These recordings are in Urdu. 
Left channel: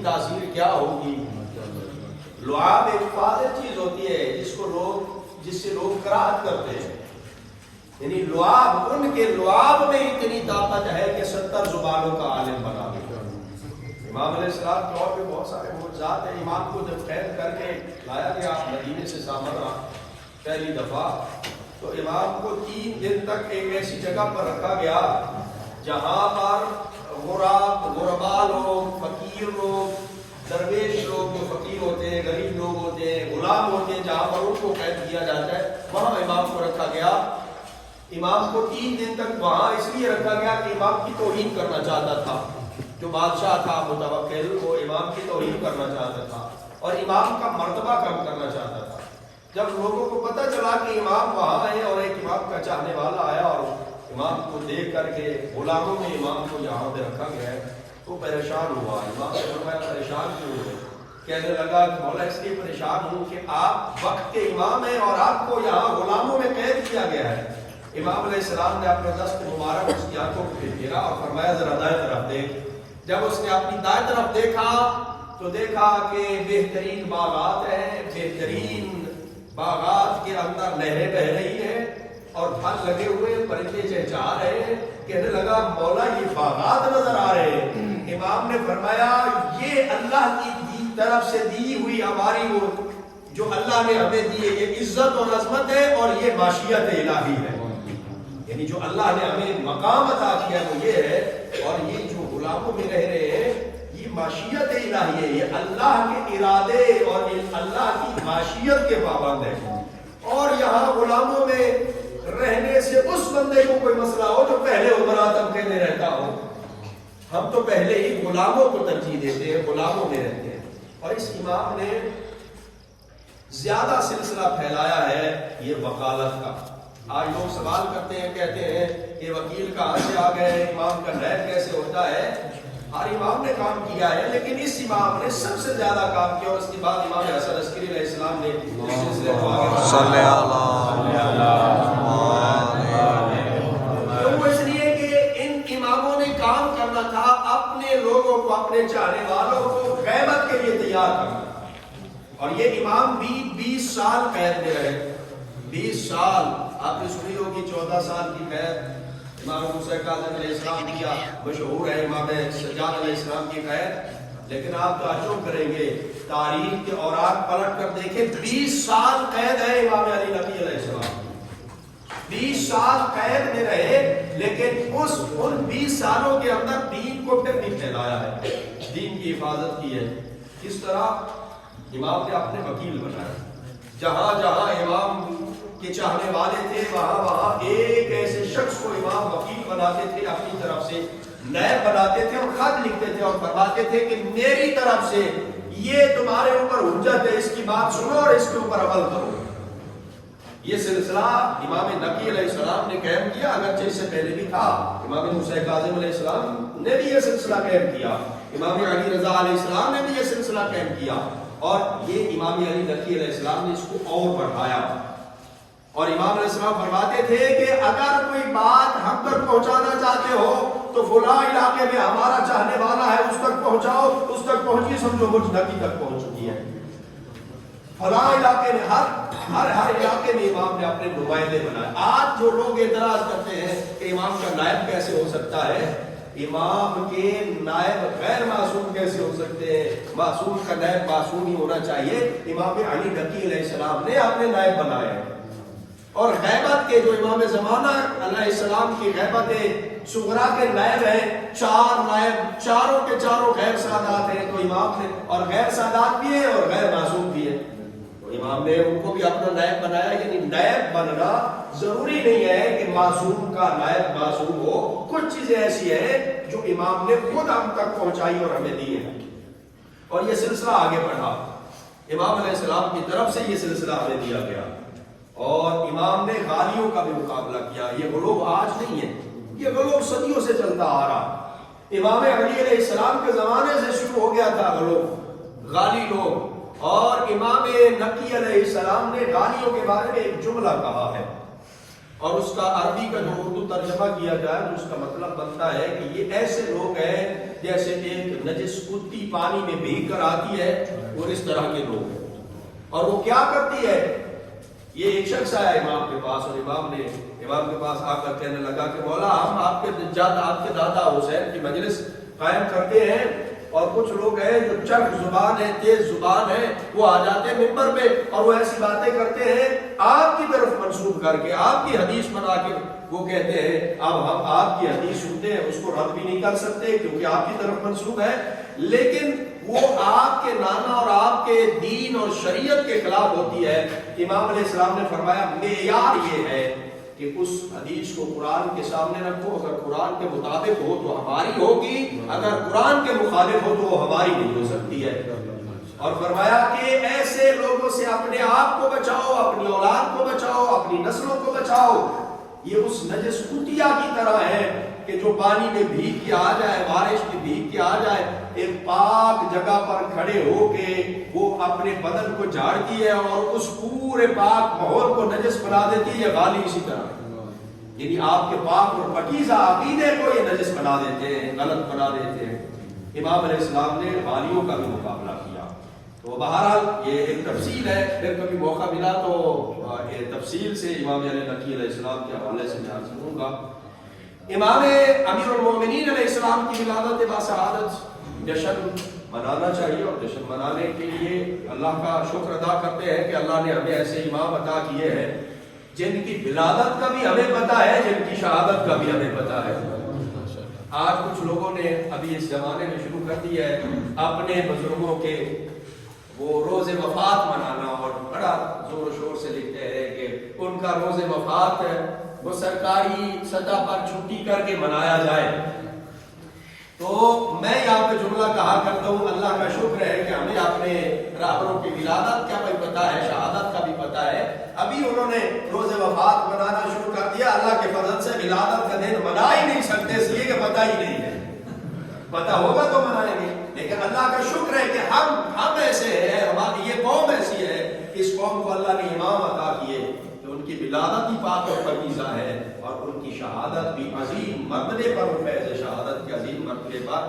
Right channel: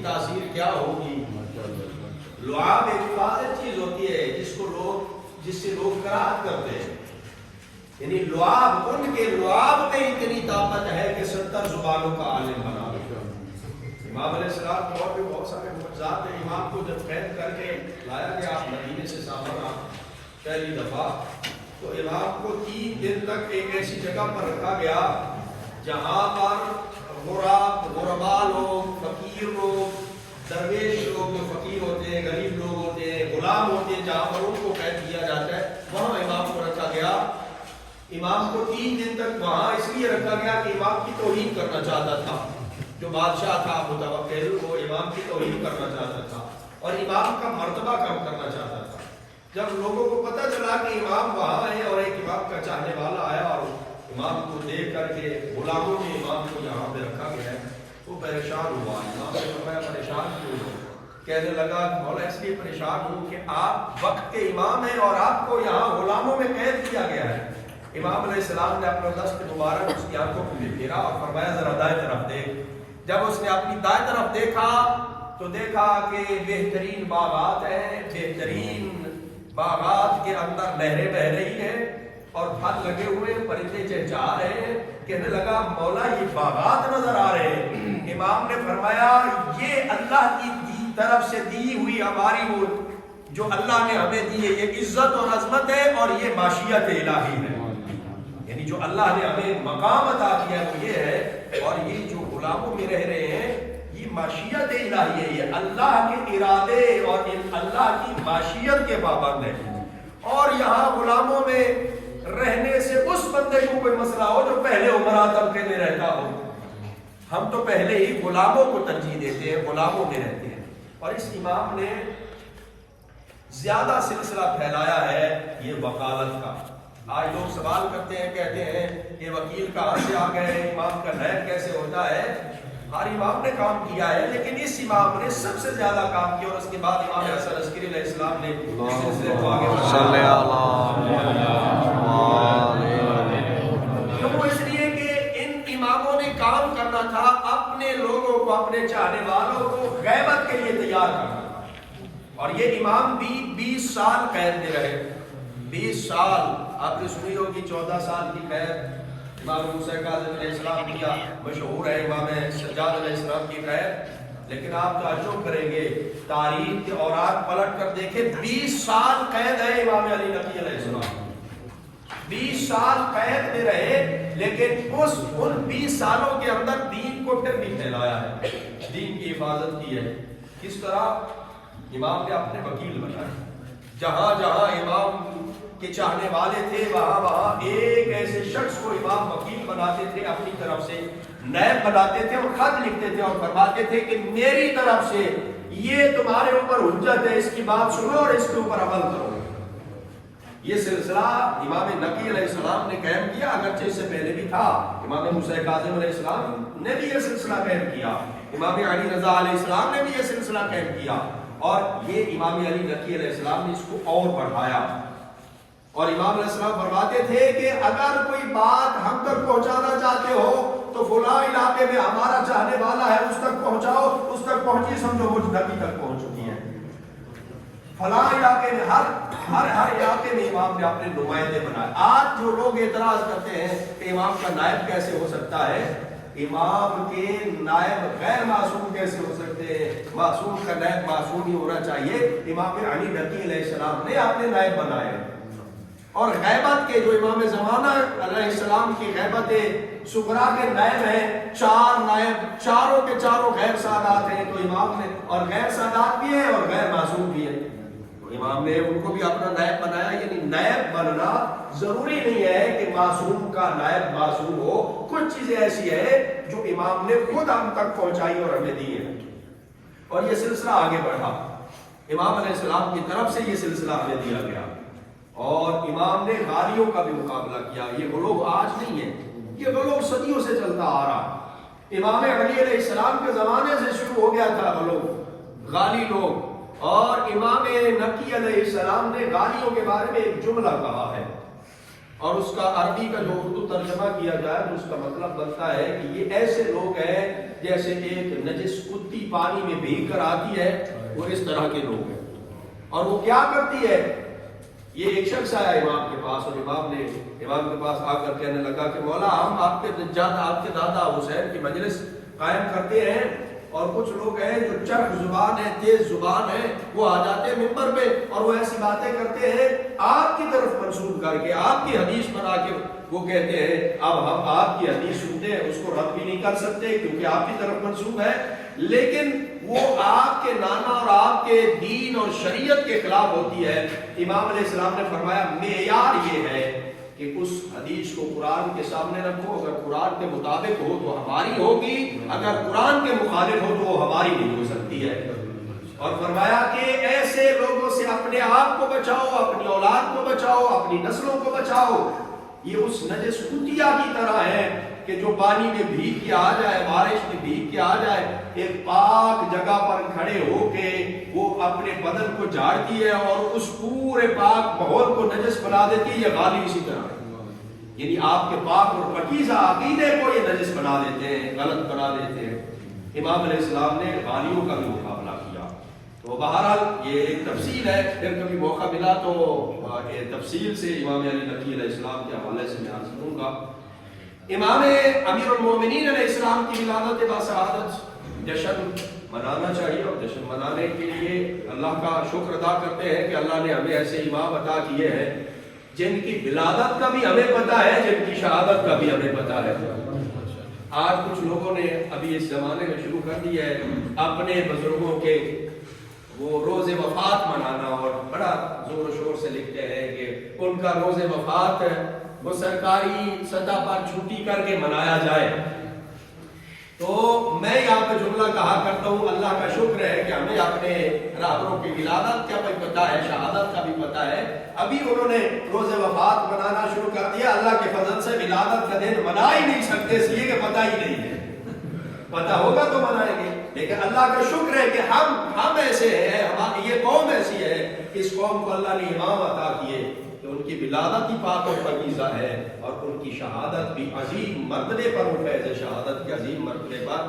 کی تاثیر کیا ہوگی؟ لعاب ایک فاضل چیز ہوتی ہے جس سے لوگ کراہت کرتے ہیں، یعنی لعاب، ان کے لعاب میں اتنی طاقت ہے کہ 70 زبانوں کا عالم بنا دیا۔ امام علیہ السلام کے اور بھی بہت سارے معجزات ہیں۔ امام کو جب قید کر کے لایا گیا مدینے سے سامرا پہلی دفعہ، تو امام کو 3 دن تک ایک ایسی جگہ پر رکھا گیا جہاں پر غربا لوگ، فقیر لوگ، درویش لوگ جو فقیر ہوتے ہیں، غریب لوگ ہوتے ہیں، غلام ہوتے ہیں، جہاں پر ان کو قید کیا جاتا ہے وہاں امام کو رکھا گیا۔ امام کو 3 دن تک وہاں اس لیے رکھا گیا کہ امام کی توہین کرنا چاہتا تھا، جو بادشاہ تھا متوکل، وہ امام کی توہین کرنا چاہتا تھا اور امام کا مرتبہ کم کرنا چاہتا تھا۔ جب لوگوں کو پتہ چلا کہ امام وہاں ہے اور ایک امام کا چاہنے والا آیا اور امام کو دیکھ کر کے غلاموں نے امام کو یہاں پہ رکھا گیا ہے، تو پریشان ہوا۔ امام نے فرمایا پریشان کیوں ہے؟ کہنے لگا مولا اس لیے پریشان ہوں کہ آپ وقت کے امام ہیں اور آپ کو یہاں غلاموں میں قید کیا گیا ہے۔ امام علیہ السلام نے اپنا دست مبارک اس کی آنکھوں کو پھیرا اور فرمایا ذرا دائیں طرف دیکھ۔ جب اس نے اپنی دائیں طرف دیکھا تو دیکھا کہ بہترین باغات ہیں، بہترین باغات کے اندر نہریں بہ رہی ہیں اور پھل لگے ہوئے، پرندے چہچہا رہے ہیں۔ کہنے لگا مولا یہ باغات نظر آ رہے ہیں۔ امام نے فرمایا یہ اللہ کی طرف سے دی ہوئی ہماری وہ جو اللہ نے ہمیں دی ہے، یہ عزت اور عظمت ہے اور یہ معیشت الہی ہے، یعنی جو اللہ نے ہمیں مقام عطا کیا وہ یہ ہے، اور یہ جو غلاموں میں رہ رہے ہیں یہ معیشت الہی ہے، یہ اللہ کے ارادے اور اللہ کی معیشت کے پابند ہے۔ اور یہاں غلاموں میں رہنے سے اس بندے کو کوئی مسئلہ ہو جو پہلے عمرہ طبقے میں رہتا ہو، ہم تو پہلے ہی غلاموں کو ترجیح دیتے ہیں، غلاموں میں رہتے ہیں۔ اور اس امام نے زیادہ سلسلہ پھیلایا ہے یہ وکالت کا۔ آج لوگ سوال کرتے ہیں، کہتے ہیں کہ وکیل کہاں سے آ گئے، امام کا نائب کیسے ہوتا ہے؟ ہر امام نے کام کیا ہے، لیکن اس امام نے سب سے زیادہ کام کیا، اور اس کے بعد امام حسن عسکری علیہ السلام نے صلی تو وہ اس لیے کہ ان اماموں نے کام کرنا تھا اپنے لوگوں کو، اپنے چاہنے والوں کو غیبت کے لیے تیار کرنا تھا۔ اور یہ امام بھی 20 سال قید میں رہے، 20 سال۔ آپ نے سنی ہوگی 14 سال کی قید امام موسیٰ کاظم علیہ السلام کی، مشہور ہے امام سجاد علیہ السلام کی قید۔ لیکن آپ تعجب کریں گے، تاریخ کے اوراق پلٹ کر دیکھیں، 20 سال قید ہے امام علی نقی علیہ السلام، 20 سال قید میں رہے، لیکن ان 20 سالوں کے اندر دین کو پھر بھی پھیلایا ہے، دین کی حفاظت کی ہے۔ کس طرح امام نے اپنے وکیل بنائے، جہاں جہاں امام کے چاہنے والے تھے وہاں وہاں ایک ایسے شخص کو امام وکیل بناتے تھے، اپنی طرف سے نائب بناتے تھے اور خط لکھتے تھے اور فرماتے تھے کہ میری طرف سے یہ تمہارے اوپر حجت ہے، اس کی بات سنو اور اس کے اوپر عمل کرو۔ یہ سلسلہ امام نقی علیہ السلام نے قائم کیا، اگرچہ اس سے پہلے بھی تھا، امام موسیٰ کاظم علیہ السلام نے بھی یہ سلسلہ قائم کیا، امام علی رضا علیہ السلام نے بھی یہ سلسلہ قائم کیا، اور یہ امام علی نقی علیہ السلام نے اس کو اور بڑھایا۔ اور امام علیہ السلام فرماتے تھے کہ اگر کوئی بات ہم تک پہنچانا چاہتے ہو تو فلاں علاقے میں ہمارا چاہنے والا ہے، اس تک پہنچاؤ، اس تک پہنچی سمجھو مجھ نبی تک پہنچ چکی ہے۔ فلاں علاقے میں ہر علاقے میں امام نے اپنے نمائندے بنائے۔ آج جو لوگ اعتراض کرتے ہیں کہ امام کا نائب کیسے ہو سکتا ہے، امام کے نائب غیر معصوم کیسے ہو سکتے ہیں؟ معصوم کا نائب معصوم ہی ہونا چاہیے۔ امام علی نقی علیہ السلام نے اپنے نائب بنائے ہیں، اور غیبت کے جو امام زمانہ علیہ السلام کی غیبت صغرا کے نائب ہیں، 4 نائب، چاروں کے چاروں غیر سادات ہیں، تو امام نے اور غیر سادات بھی ہیں اور غیر معصوم بھی ہیں، تو امام نے ان کو بھی اپنا نائب بنایا۔ یعنی نائب بننا ضروری نہیں ہے کہ معصوم کا نائب معصوم ہو، کچھ چیزیں ایسی ہیں جو امام نے خود ہم تک پہنچائی اور ہمیں دی ہیں، اور یہ سلسلہ آگے بڑھا، امام علیہ السلام کی طرف سے یہ سلسلہ ہمیں دیا گیا۔ اور امام نے غالیوں کا بھی مقابلہ کیا۔ یہ غلو آج نہیں ہے، یہ غلو صدیوں سے چلتا آ رہا۔ امام علی علیہ السلام کے زمانے سے شروع ہو گیا تھا غلو، غالی لوگ، اور امام نقی علیہ السلام نے غالیوں کے بارے میں ایک جملہ کہا ہے، اور اس کا عربی کا جو اردو ترجمہ کیا جائے تو اس کا مطلب بنتا ہے کہ یہ ایسے لوگ ہیں جیسے ایک نجس کتی پانی میں بھیگ کر آتی ہے، وہ اس طرح کے لوگ ہیں۔ اور وہ کیا کرتی ہے؟ یہ ایک شخص آیا امام کے پاس، اور امام کے پاس آ کر کہنے لگا کہ مولا ہم آپ کے دادا حسین کی مجلس قائم کرتے ہیں، اور کچھ لوگ ہیں جو چرب زبان ہے، تیز زبان ہے، وہ آ جاتے ہیں ممبر پہ اور وہ ایسی باتیں کرتے ہیں آپ کی طرف منسوب کر کے، آپ کی حدیث بنا کے وہ کہتے ہیں اب ہم آپ کی حدیث سنتے ہیں، اس کو رد بھی نہیں کر سکتے کیونکہ آپ کی طرف منسوب ہے، لیکن وہ آپ کے نانا اور آپ کے دین اور شریعت کے خلاف ہوتی ہے۔ امام علیہ السلام نے فرمایا معیار یہ ہے کہ اس حدیث کو قرآن کے سامنے رکھو، اگر قرآن کے مطابق ہو تو ہماری ہوگی، اگر قرآن کے مخالف ہو تو وہ ہماری نہیں ہو سکتی ہے۔ اور فرمایا کہ ایسے لوگوں سے اپنے آپ کو بچاؤ، اپنی اولاد کو بچاؤ، اپنی نسلوں کو بچاؤ۔ یہ اس نجس کتیا کی طرح ہے کہ جو پانی میں بھیگ کے آ جائے، بارش میں بھیگ کے آ جائے، ایک پاک جگہ پر کھڑے ہو کے وہ اپنے بدن کو جھاڑتی ہے اور اس پورے پاک ماحول کو نجس بنا دیتی ہے۔ یہ غالی اسی طرح ہے، یعنی آپ کے پاک اور پاکیزہ عقیدے کو یہ نجس بنا دیتے ہیں، غلط بنا دیتے ہیں۔ امام علیہ السلام نے غالیوں کا بھی مقابلہ کیا۔ تو بہرحال یہ ایک تفصیل ہے، پھر کبھی موقع ملا تو تفصیل سے امام علی نقی علیہ السلام کے حوالے سے میں عرض کروں گا۔ امام امیر المومنین علیہ السلام کی ولادت باسعادت جشن منانا چاہیے، اور جشن منانے کے لیے اللہ کا شکر ادا کرتے ہیں کہ اللہ نے ہمیں ایسے امام عطا کیے ہیں جن کی ولادت کا بھی ہمیں پتہ ہے، جن کی شہادت کا بھی ہمیں پتہ ہے۔ آج کچھ لوگوں نے ابھی اس زمانے میں شروع کر دیا ہے اپنے بزرگوں کے وہ روز وفات منانا، اور بڑا زور و شور سے لکھتے ہیں کہ ان کا روز وفات وہ سرکاری سطح پر چھٹی کر کے منایا جائے۔ تو میں یہاں پہ جملہ کہا کرتا ہوں، اللہ کا شکر ہے کہ ہمیں اپنے رہبروں کی ولادت کا بھی پتہ ہے، شہادت کا بھی پتہ ہے۔ ابھی انہوں نے روز وفات منانا شروع کر دیا، اللہ کے فضل سے ولادت کا دن منا ہی نہیں سکتے اس لیے کہ پتہ ہی نہیں ہے، پتہ ہوگا تو منائیں گے۔ لیکن اللہ کا شکر ہے کہ ہم ایسے ہیں، ہماری یہ قوم ایسی ہے، اس قوم کو اللہ نے امام عطا کیے کہ ان کی ولادت ہی پاک اور پاکیزہ ہے، اور ان کی شہادت بھی عظیم مرتبے پر فیض شہادت کے عظیم مرتبے پر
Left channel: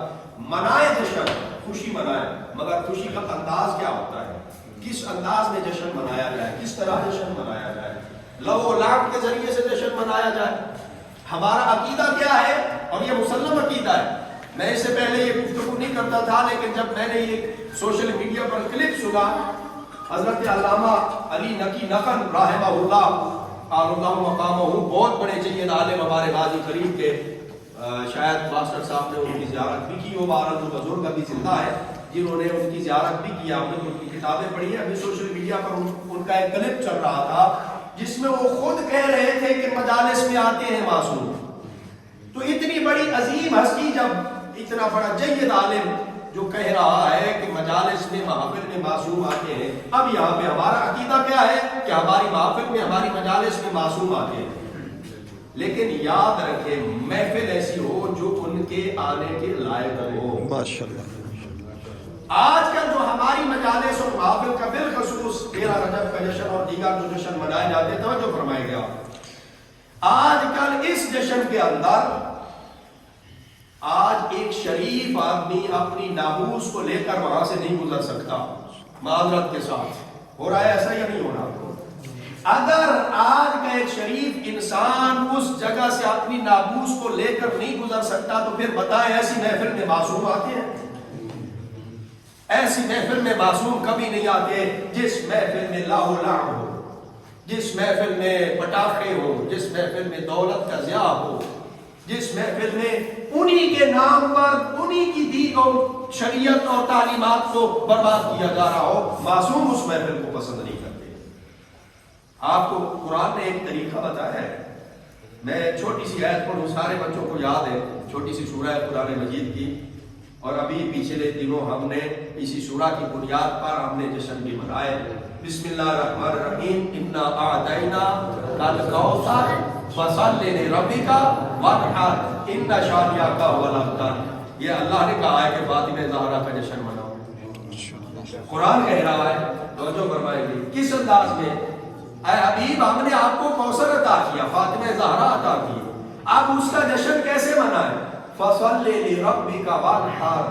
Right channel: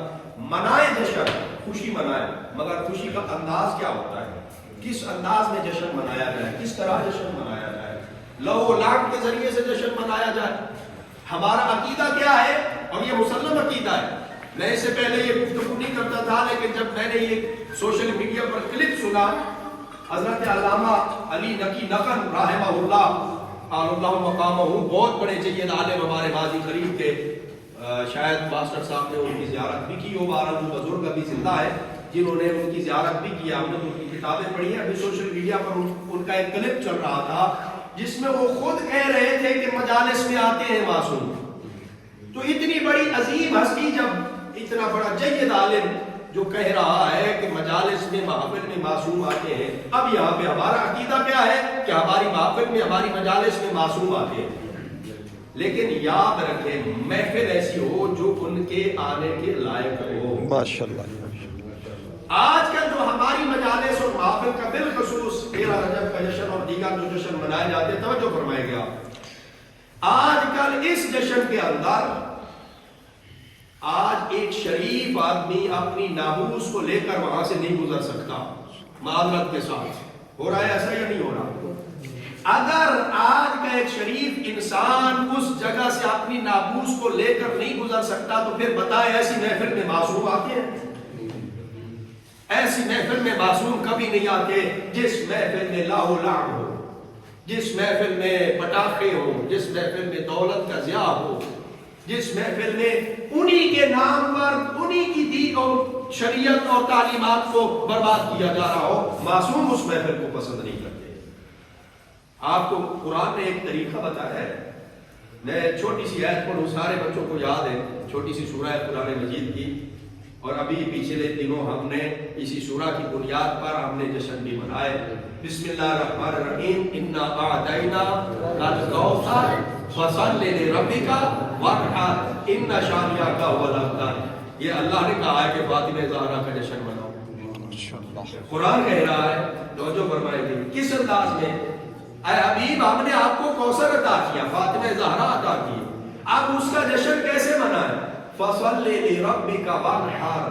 منائے جشن، خوشی منائے، مگر خوشی کا انداز کیا ہوتا ہے، کس انداز میں جشن منایا جائے، کس طرح جشن منایا جائے، لو و لاڈ کے ذریعے سے جشن منایا جائے۔ ہمارا عقیدہ کیا ہے، اور یہ مسلم عقیدہ ہے۔ میں اس سے پہلے یہ گفتگو نہیں کرتا تھا، لیکن جب میں نے یہ سوشل میڈیا پر کلپ سنا، حضرت علامہ علی نقی نقل رحمہ اللہ اللہ مقامہ، بہت بڑے جید عالم ہمارے غازی قریب کے، شاید ماسٹر صاحب نے ان کی زیارت بھی کی ہو، بہرحال وہ بزرگ ابھی زندہ ہے جنہوں نے ان کی زیارت بھی کی، ہم نے ان کی کتابیں پڑھی ہیں۔ ابھی سوشل میڈیا پر ان کا ایک کلپ چل رہا تھا جس میں وہ خود کہہ رہے تھے کہ مجالس میں آتے ہیں معصوم۔ تو اتنی بڑی عظیم ہستی، جب اتنا بڑا جید عالم جو کہہ رہا ہے کہ مجالس میں محفل میں معصوم آتے ہیں، اب یہاں پہ ہمارا عقیدہ کیا ہے کہ ہماری محفل میں ہماری مجالس میں معصوم آتے ہیں، لیکن یاد رکھیں محفل ایسی ہو جو ان کے آنے کے لائق ہو۔ ماشاءاللہ۔ آج کل جو ہماری مجالس اور محفل کا بالخصوص 13 رجب کا جشن اور دیگر جو جشن منائے جاتے ہیں، توجہ فرمائے گا، آج کل اس جشن کے اندر آج ایک شریف آدمی اپنی ناموس کو لے کر وہاں سے نہیں گزر سکتا، معذرت کے ساتھ۔ ہو رہا ہے ایسا یا نہیں ہو رہا؟ اگر آج کا ایک شریف انسان اس جگہ سے اپنی ناموس کو لے کر نہیں گزر سکتا تو پھر بتائیں ایسی محفل میں معصوم آتے ہیں؟ ایسی محفل میں معصوم کبھی نہیں آتے جس محفل میں لاہ و لعب ہو، جس محفل میں پٹاخے ہو، جس محفل میں دولت کا ضیاع ہو، جس محفل میں انہی کے نام پر انہی کی دی اور شریعت اور تعلیمات کو برباد کیا جا رہا ہو، معصوم اس محفل کو پسند نہیں کرتے۔ آپ کو قرآن نے ایک طریقہ بتایا ہے، میں چھوٹی سی آیت پڑھوں، سارے بچوں کو یاد ہے، چھوٹی سی سورہ قرآن مجید کی، اور ابھی پچھلے دنوں ہم نے اسی سورہ کی بنیاد پر ہم نے جشن بھی منائے۔ بسم اللہ الرحمن الرحیم، انا اعطینا الکوثر فصل لربک وانحر ان شانئک هو الابتر۔ یہ اللہ نے کہا ہے کہ فاطمہ زہرا کا جشن مناؤ، قرآن کہہ رہا ہے، توجہ فرمائیں گے کس انداز میں، اے حبیب ہم نے آپ کو کوثر عطا کیا، فاطمہ زہرا عطا کی، اب اس کا جشن کیسے منائیں؟ فصل لربک وانحر،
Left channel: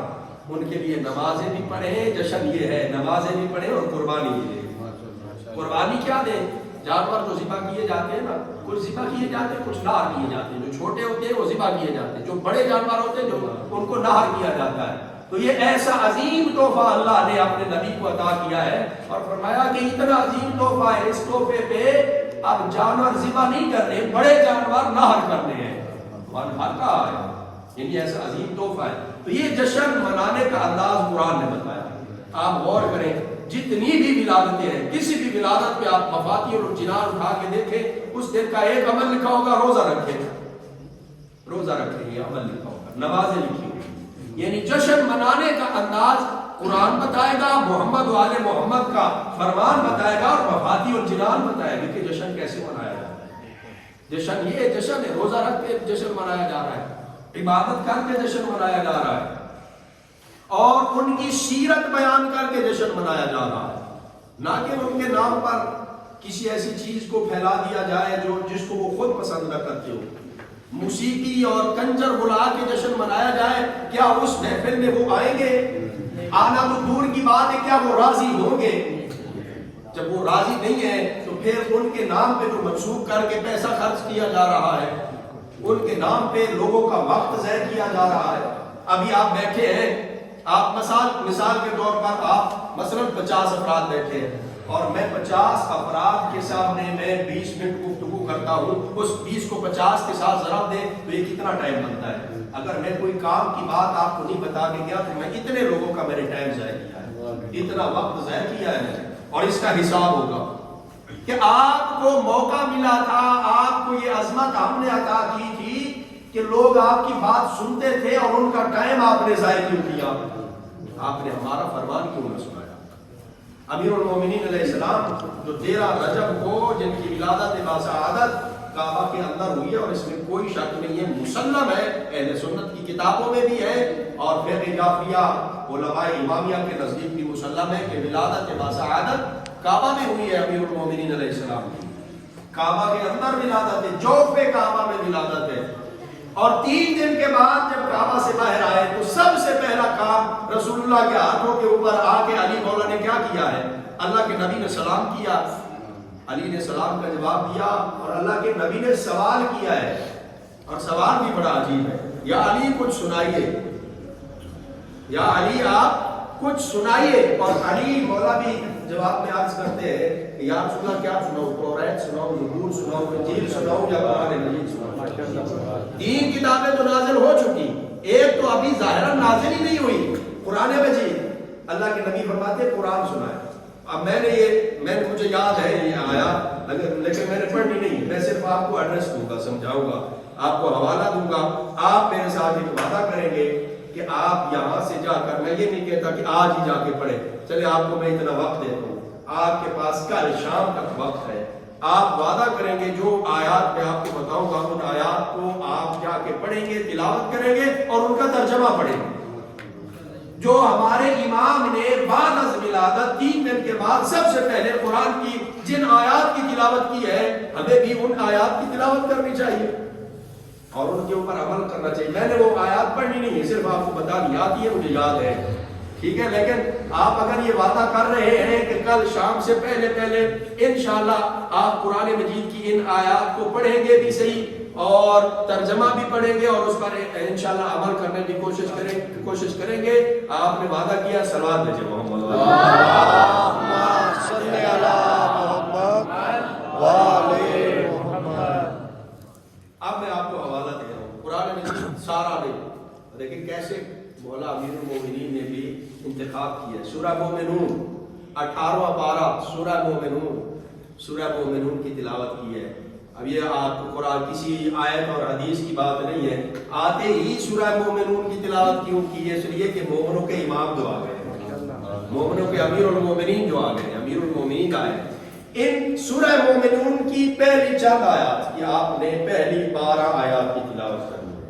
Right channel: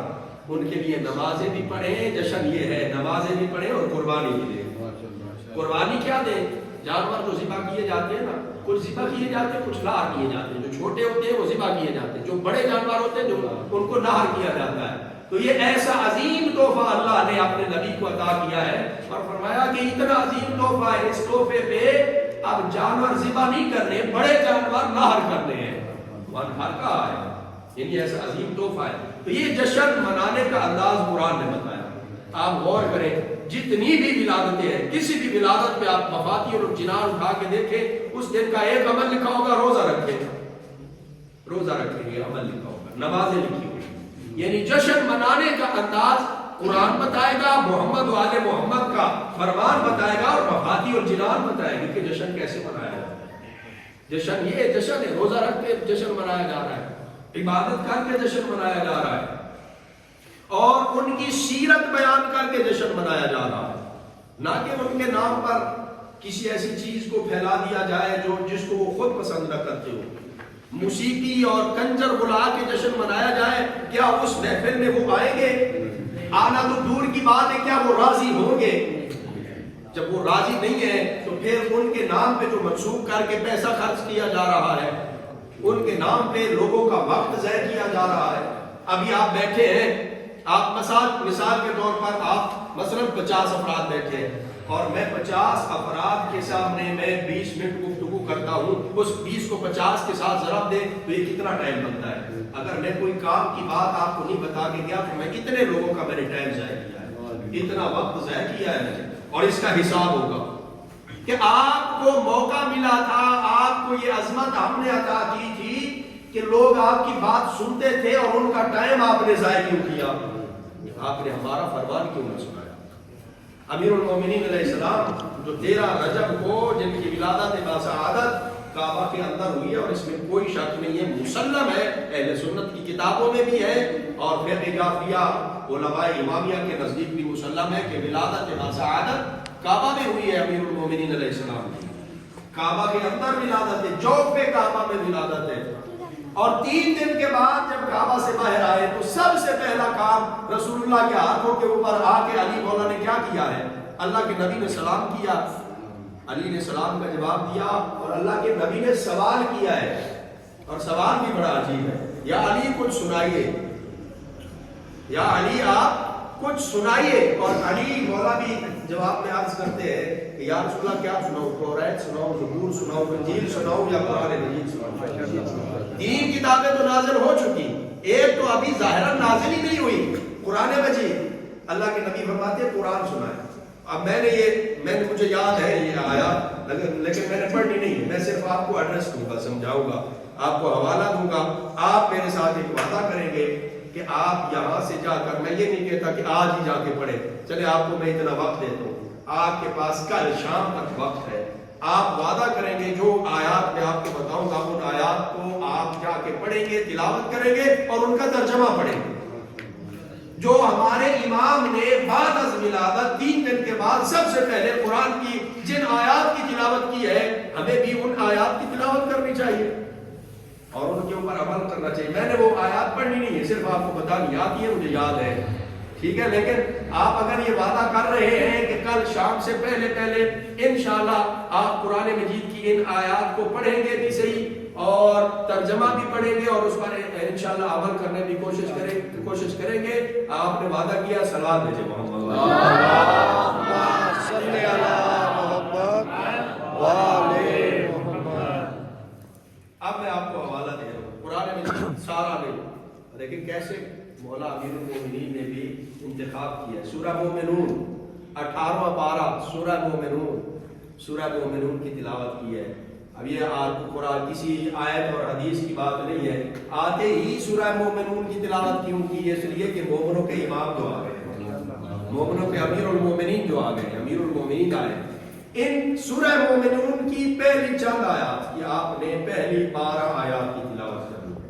ان کے لیے نمازیں بھی پڑھیں، جشن یہ ہے نمازیں بھی پڑھیں اور قربانی بھی دیں۔ قربانی کیا دیں؟ جانور تو ذبح کیے جاتے ہیں نا، کچھ ذبح کیے جاتے ہیں، کچھ نہر کیے جاتے ہیں، جو چھوٹے ہوتے ہیں وہ ذبح کیے جاتے ہیں، جو بڑے جانور ہوتے ہیں جو ان کو نہر کیا جاتا ہے۔ تو یہ ایسا عظیم تحفہ اللہ نے اپنے نبی کو عطا کیا ہے اور فرمایا کہ اتنا عظیم تحفہ ہے، اس تحفے پہ اب جانور ذبح نہیں کرنے، بڑے جانور نہر کرنے ہیں۔ وانحر کا آیا، یعنی ایسا عظیم تحفہ ہے۔ تو یہ جشن منانے کا انداز قرآن نے بتایا۔ آپ غور کریں، جتنی بھی ولادتیں ہیں، کسی بھی ولادت پہ آپ مفاتی اور جنان اٹھا کے دیکھیں، اس دن کا ایک عمل لکھا ہوگا روزہ رکھیں، روزہ رکھیں گے عمل لکھا ہوگا، نمازیں لکھی ہوگی۔ یعنی جشن منانے کا انداز قرآن بتائے گا، محمد و آل محمد کا فرمان بتائے گا اور مفاتی اور جنان بتائے گا کہ جشن کیسے منایا جاتا ہے۔ جشن یہ جشن ہے، روزہ رکھ کے جشن منایا جا رہا ہے، عبادت کر کے جشن منایا جا رہا ہے، اور ان کی سیرت بیان کر کے جشن منایا جا رہا ہے، نہ کہ ان کے نام پر کسی ایسی چیز کو پھیلا دیا جائے جو جس کو وہ خود پسند نہ کرتے ہو۔ موسیقی اور کنجر بلا کے جشن منایا جائے، کیا اس محفل میں وہ آئیں گے؟ آنا تو دور کی بات ہے، کیا وہ راضی ہوں گے؟ جب وہ راضی نہیں ہے تو پھر ان کے نام پہ جو منسوخ کر کے پیسہ خرچ کیا جا رہا ہے، ان کے نام پہ لوگوں کا وقت ضائع کیا جا رہا ہے۔ ابھی آپ بیٹھے ہیں، آپ مثال کے طور پر آپ مثلا 50 افراد بیٹھے ہیں اور میں 50 افراد کے سامنے میں 20 منٹ گفتگو کرتا ہوں، اس 20 کو 50 کے ساتھ ضرب دیں تو یہ کتنا ٹائم بنتا ہے؟ اگر میں کوئی کام کی بات آپ کو نہیں بتا کے گیا تو میں اتنے لوگوں کا میں نے ٹائم ضائع کیا ہے، اتنا وقت ضائع کیا ہے، اور اس کا حساب ہوگا کہ آپ کو موقع ملا تھا، آپ کو یہ عظمت ہم نے عطا کی تھی کہ لوگ آپ کی بات سنتے تھے اور ان کا ٹائم آپ نے ضائع کیوں کیا؟ آپ نے ہمارا فرمان کیوں نہ سنایا؟ امیر المومنین علیہ السلام جو 13 رجب کو جن کی ولادت باسعادت کعبہ کے اندر ہوئی ہے، اور اس میں کوئی شک نہیں ہے، مسلم ہے، اہل سنت کی کتابوں میں بھی ہے اور فقہ جعفریہ علماء امامیہ کے نزدیک بھی مسلم ہے کہ ولادت باسعادت کعبہ میں ہوئی ہے۔ امیر المومنین علیہ السلام کی کعبہ کے اندر ولادت ہے، جوف کعبہ میں ولادت ہے، اور 3 دن کے بعد جب کعبہ سے باہر آئے تو سب سے پہلا کام رسول اللہ کے ہاتھوں کے اوپر آ کے علی مولا نے کیا کیا ہے؟ اللہ کے نبی نے سلام کیا، علی نے سلام کا جواب دیا، اور اللہ کے نبی نے سوال کیا ہے، اور سوال بھی بڑا عجیب ہے، یا علی کچھ سنائیے، یا علی آپ کچھ سنائیے، اور علی مولا بھی جواب میں عرض کرتے ہیں کہ یا رسول اللہ کیا سناؤں، توریت سناؤں، زبور سناؤں، انجیل سناؤں، یا قرآن مجید سناؤں؟ 3 کتابیں تو نازل ہو چکی، ایک تو ابھی ظاہراً نازل ہی نہیں ہوئی، قرآن مجید۔ اللہ کے نبی فرماتے ہیں قرآن سنائے۔ اب مجھے یاد ہے یہ آیا، لیکن میں نے پڑھنی نہیں ہے، میں صرف آپ کو ایڈریس دوں گا، سمجھاؤں گا، آپ کو حوالہ دوں گا، آپ میرے ساتھ ایک وعدہ کریں گے کہ آپ یہاں سے جا کر، میں یہ نہیں کہتا کہ آج ہی جا کے پڑھیں، چلے آپ کو میں اتنا وقت دیتا ہوں، آپ کے پاس کل شام تک وقت ہے، آپ وعدہ کریں گے جو آیات میں آپ کو بتاؤں گا ان آیات کو آپ جا کے پڑھیں گے، تلاوت کریں گے اور ان کا ترجمہ پڑھیں گے۔ جو ہمارے امام نے بعد از ولادت 3 دن کے بعد سب سے پہلے قرآن کی جن آیات کی تلاوت کی ہے، ہمیں بھی ان آیات کی تلاوت کرنی چاہیے اور ان کے اوپر عمل کرنا چاہیے۔ میں نے وہ آیات پڑھنی نہیں ہے، صرف آپ کو بتانی آتی ہے، مجھے یاد ہے، ٹھیک ہے، لیکن آپ اگر یہ وعدہ کر رہے ہیں کہ کل شام سے پہلے انشاءاللہ آپ قرآن مجید کی ان آیات کو پڑھیں گے بھی صحیح اور ترجمہ بھی پڑھیں گے اور اس پر انشاءاللہ عمل کرنے کی کوشش کریں گے، آپ نے وعدہ کیا، صلوات بھیجیں محمد اللہم صلی علی محمد وآل محمد۔ اب میں آپ کو حوالہ دے رہا ہوں، قرآن مجید سارا نہیں، لیکن کیسے مولا امیر المومنین نے بھی انتخاب کیا۔ سورہ مومنون 18واں پارہ، سورہ مومنون کی تلاوت کی ہے۔ اب یہ قرآن کسی آیت اور حدیث کی بات نہیں ہے، آتے ہی سورہ مومنون کی تلاوت کیوں کی ہے؟ اس لیے کہ مومنوں کے امام جو آ گئے، مومنوں کے امیر المومنین جو آ گئے، امیر المومنین آئے۔ ان سورہ مومنون کی پہلی چند آیات یہ آپ نے پہلی 12 آیات کی تلاوت کرنی ہے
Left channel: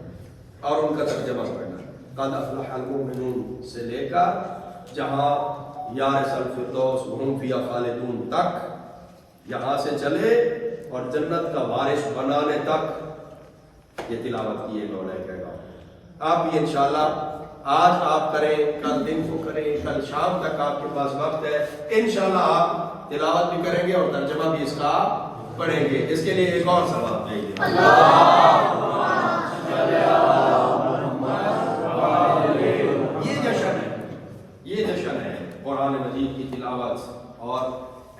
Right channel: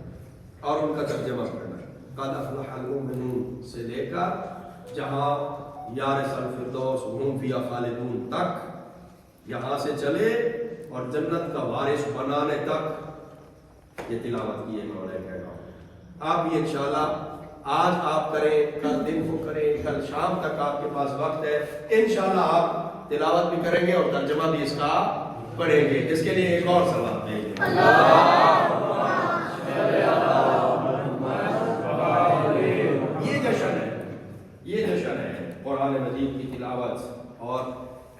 اور ان کا ترجمہ پڑھنا ہے۔ قد افلح المؤمنون سے لے کر جہاں یارث الفردوس ہم فیہا خالدون تک، یہاں سے چلے اور جنت کا وارث بنانے تک یہ تلاوت کی ہے مولا کہے گا۔ آپ بھی انشاءاللہ آج آپ کریں، کل دن کو کریں، کل شام تک آپ کے پاس وقت ہے، انشاءاللہ آپ تلاوت بھی کریں گے اور ترجمہ بھی اس کا پڑھیں گے. اس کے لیے ایک اور ثواب دیں گے. یہ جشن ہے قرآن مجید کی تلاوت اور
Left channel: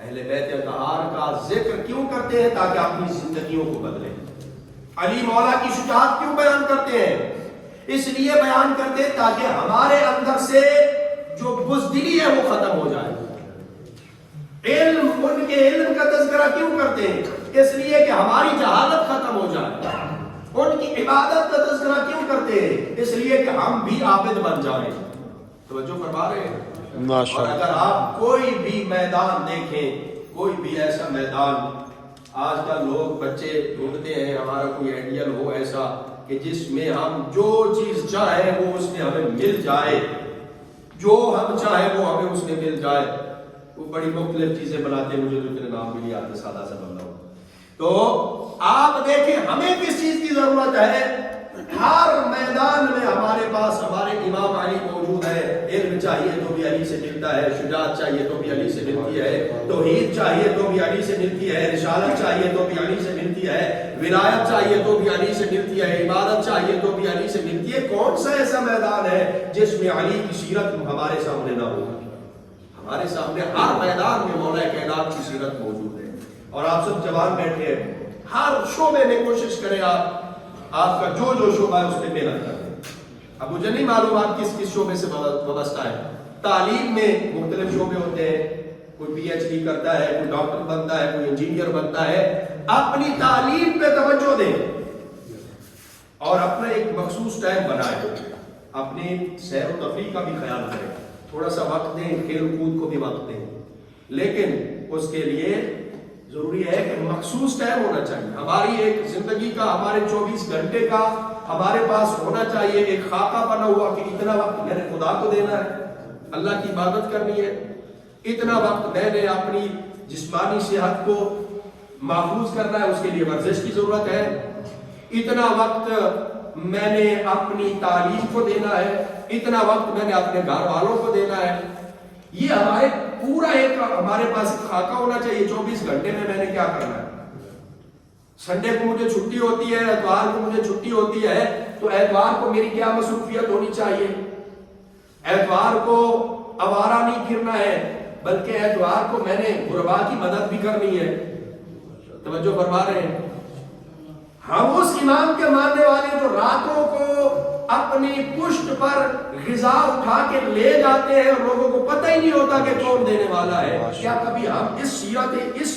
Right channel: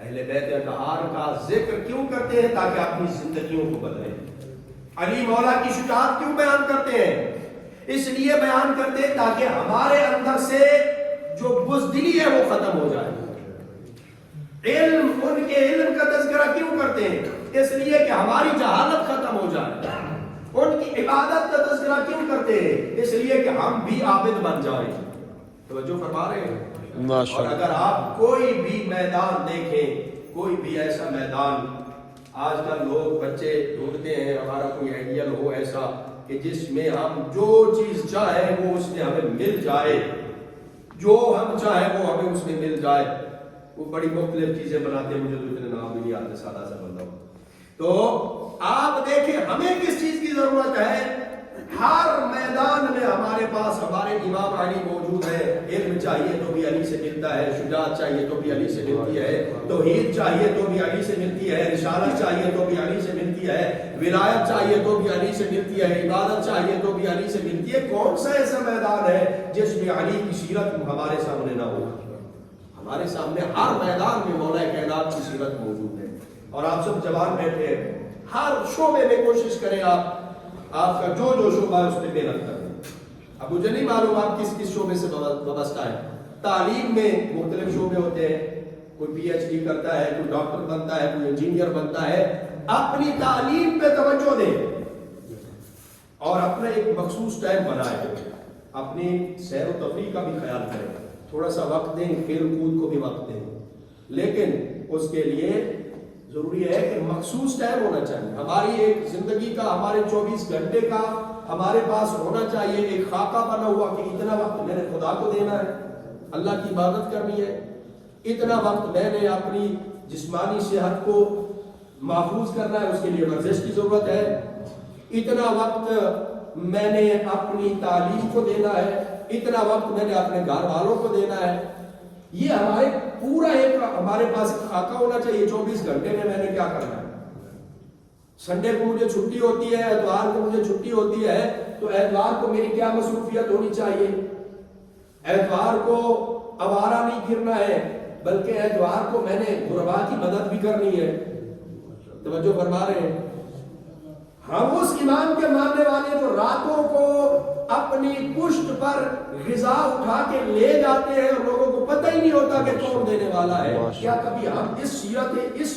اہل بیت اطہار کا ذکر کیوں کرتے ہیں؟ تاکہ اپنی زندگیوں کو بدلیں. علی مولا کی شجاعت کیوں بیان کرتے ہیں؟ اس لیے بیان کرتے ہیں تاکہ ہمارے اندر سے جو بزدلی ہے وہ ختم ہو جائے. ان کے علم کا تذکرہ کیوں کرتے ہیں؟ اس لیے کہ ہماری جہالت ختم ہو جائے. ان کی عبادت کا تذکرہ کیوں کرتے ہیں؟ اس لیے کہ ہم بھی عابد بن جائیں. توجہ فرما رہے ہیں. اور اگر آپ کوئی بھی میدان دیکھیں، کوئی بھی ایسا میدان، آج کل لوگ بچے ڈھونڈتے ہیں ہمارا کوئی آئیڈیل ہو ایسا کہ جس میں ہم جو چیز چاہیں وہ اس میں ہمیں مل جائے، جو ہم چاہیں وہ ہمیں اس میں مل جائے. وہ بڑی مختلف چیزیں بناتے ہیں، مجھے تو اتنے نام بھی نہیں آتے، سادہ سا بندہ ہوں. تو آپ دیکھیں ہمیں کس چیز کی ضرورت ہے. ہر میدان میں ہمارے پاس ہمارے امام علی موجود ہے. علم چاہیے تو بھی علی سے ملتا ہے، شجاعت چاہیے تو بھی علی سے ملتی ہے، توحید چاہیے تو بھی علی سے ملتی ہے، رسالت چاہیے تو بھی علی سے ملتی ہے، ولایت چاہیے تو بھی علی سے ملتی ہے، عبادت چاہیے تو بھی علی سے ملتی ہے. کون سا ایسا میدان ہے جس میں علی کی سیرت ہمارے سامنے نہ ہو؟ ہمارے سامنے ہر میدان میں مولا کائنات کی سیرت موجود ہے. اور آپ سب جوان بیٹھے ہیں، ہر شعبے میں کوشش کریں آپ کا جو شعبہ ہے اس پہ محنت کریں. اب مجھے نہیں معلوم آپ کس شعبے سے وابستہ ہے. تعلیم میں مختلف شعبے ہوتے ہیں، کوئی پی ایچ ڈی کرتا ہے، کوئی ڈاکٹر بنتا ہے، کوئی انجینئر بنتا ہے. اپنی تعلیم پہ توجہ دیں اور اپنا ایک مخصوص ٹائم بنائیں. اپنی سیر و تفریح کا بھی خیال کریں، تھوڑا سا وقت دیں، کھیل کود کو بھی وقت دیں، لیکن اس کے لیے ضروری ہے کہ مخصوص ٹائم ہونا چاہیے. ہماری ایک زندگی کا، ہمارے 24 گھنٹے کا ہمارے پاس ہونا چاہیے ایک خاکہ بنا ہوا کہ اتنا وقت میں نے خدا کو دینا ہے، اللہ کی عبادت کرنی ہے، اتنا وقت میں نے اپنی جسمانی صحت کو محفوظ کرنا ہے، اس کے لیے ورزش کی ضرورت ہے، اتنا وقت میں نے اپنی تعلیم کو دینا ہے، اتنا وقت میں نے اپنے گھر والوں کو دینا ہے. یہ ہمارے پورا ایک ہمارے پاس خاکہ ہونا چاہیے. 24 گھنٹے میں نے کیا کرنا ہے. سنڈے کو مجھے چھٹی ہوتی ہے، اتوار کو مجھے چھٹی ہوتی ہے، تو اتوار کو میری کیا مصروفیت ہونی چاہیے؟ اتوار کو آوارہ نہیں پھرنا ہے، بلکہ اتوار کو میں نے غربا کی مدد بھی کرنی ہے. توجہ فرما رہے ہیں. ہم اس امام کے ماننے والے جو راتوں کو اپنی پشت پر غذا اٹھا کے لے جاتے ہیں اور لوگوں کو پتہ ہی نہیں ہوتا کہ کون دینے والا ہے. کیا کبھی ہم اس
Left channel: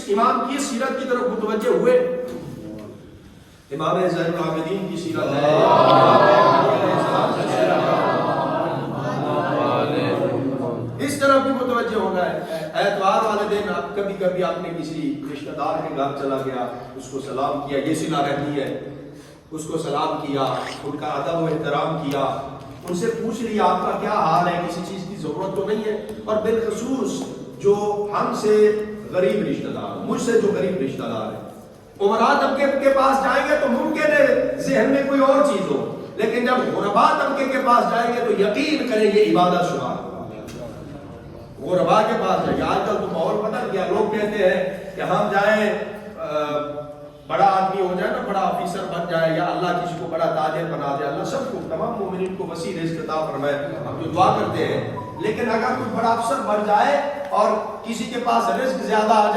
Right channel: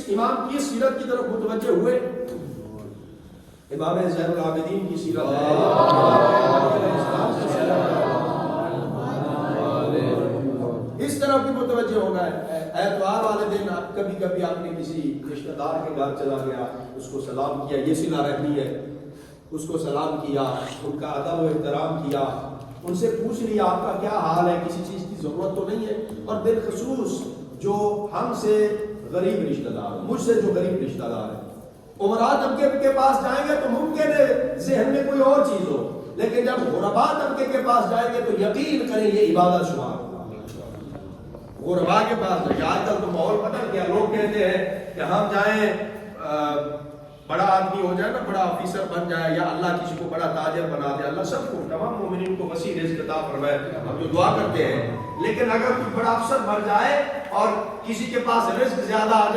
امام کی سیرت کی طرف متوجہ ہوئے؟ امام زین العابدین کی سیرت ہے، اس طرف بھی متوجہ ہونا ہے. اتوار والے دن آپ کبھی کبھی آپ نے کسی رشتہ دار کے گھر چلا گیا، اس کو سلام کیا، یہ صلہ رحمی ہے، اس کو سلام کیا، ان کا ادب و احترام کیا، ان سے پوچھ لیا آپ کا کیا حال ہے، کسی چیز کی ضرورت تو نہیں ہے. اور بالخصوص جو ہم سے غریب رشتہ دار، مجھ سے جو غریب رشتہ دار ہے، عمرا طبقے کے پاس جائیں گے تو ممکن ہے ذہن میں کوئی اور چیز ہو، لیکن جب غربا طبقے کے پاس جائیں گے تو یقین کریں یہ عبادت شمار. غربا کے پاس جائیں گے. آج کل تو ماحول بدل گیا، لوگ کہتے ہیں کہ ہم جائیں بڑا آدمی ہو جائے نا، بڑا آفیسر بن جائے، یا اللہ کسی کو بڑا تاجر بنا دے. اللہ سب کو، تمام مومنین کو وسیع رزق عطا فرمائے، ہم جو دعا کرتے ہیں. لیکن اگر کوئی بڑا افسر بن جائے اور کسی کے پاس رزق زیادہ آ جائے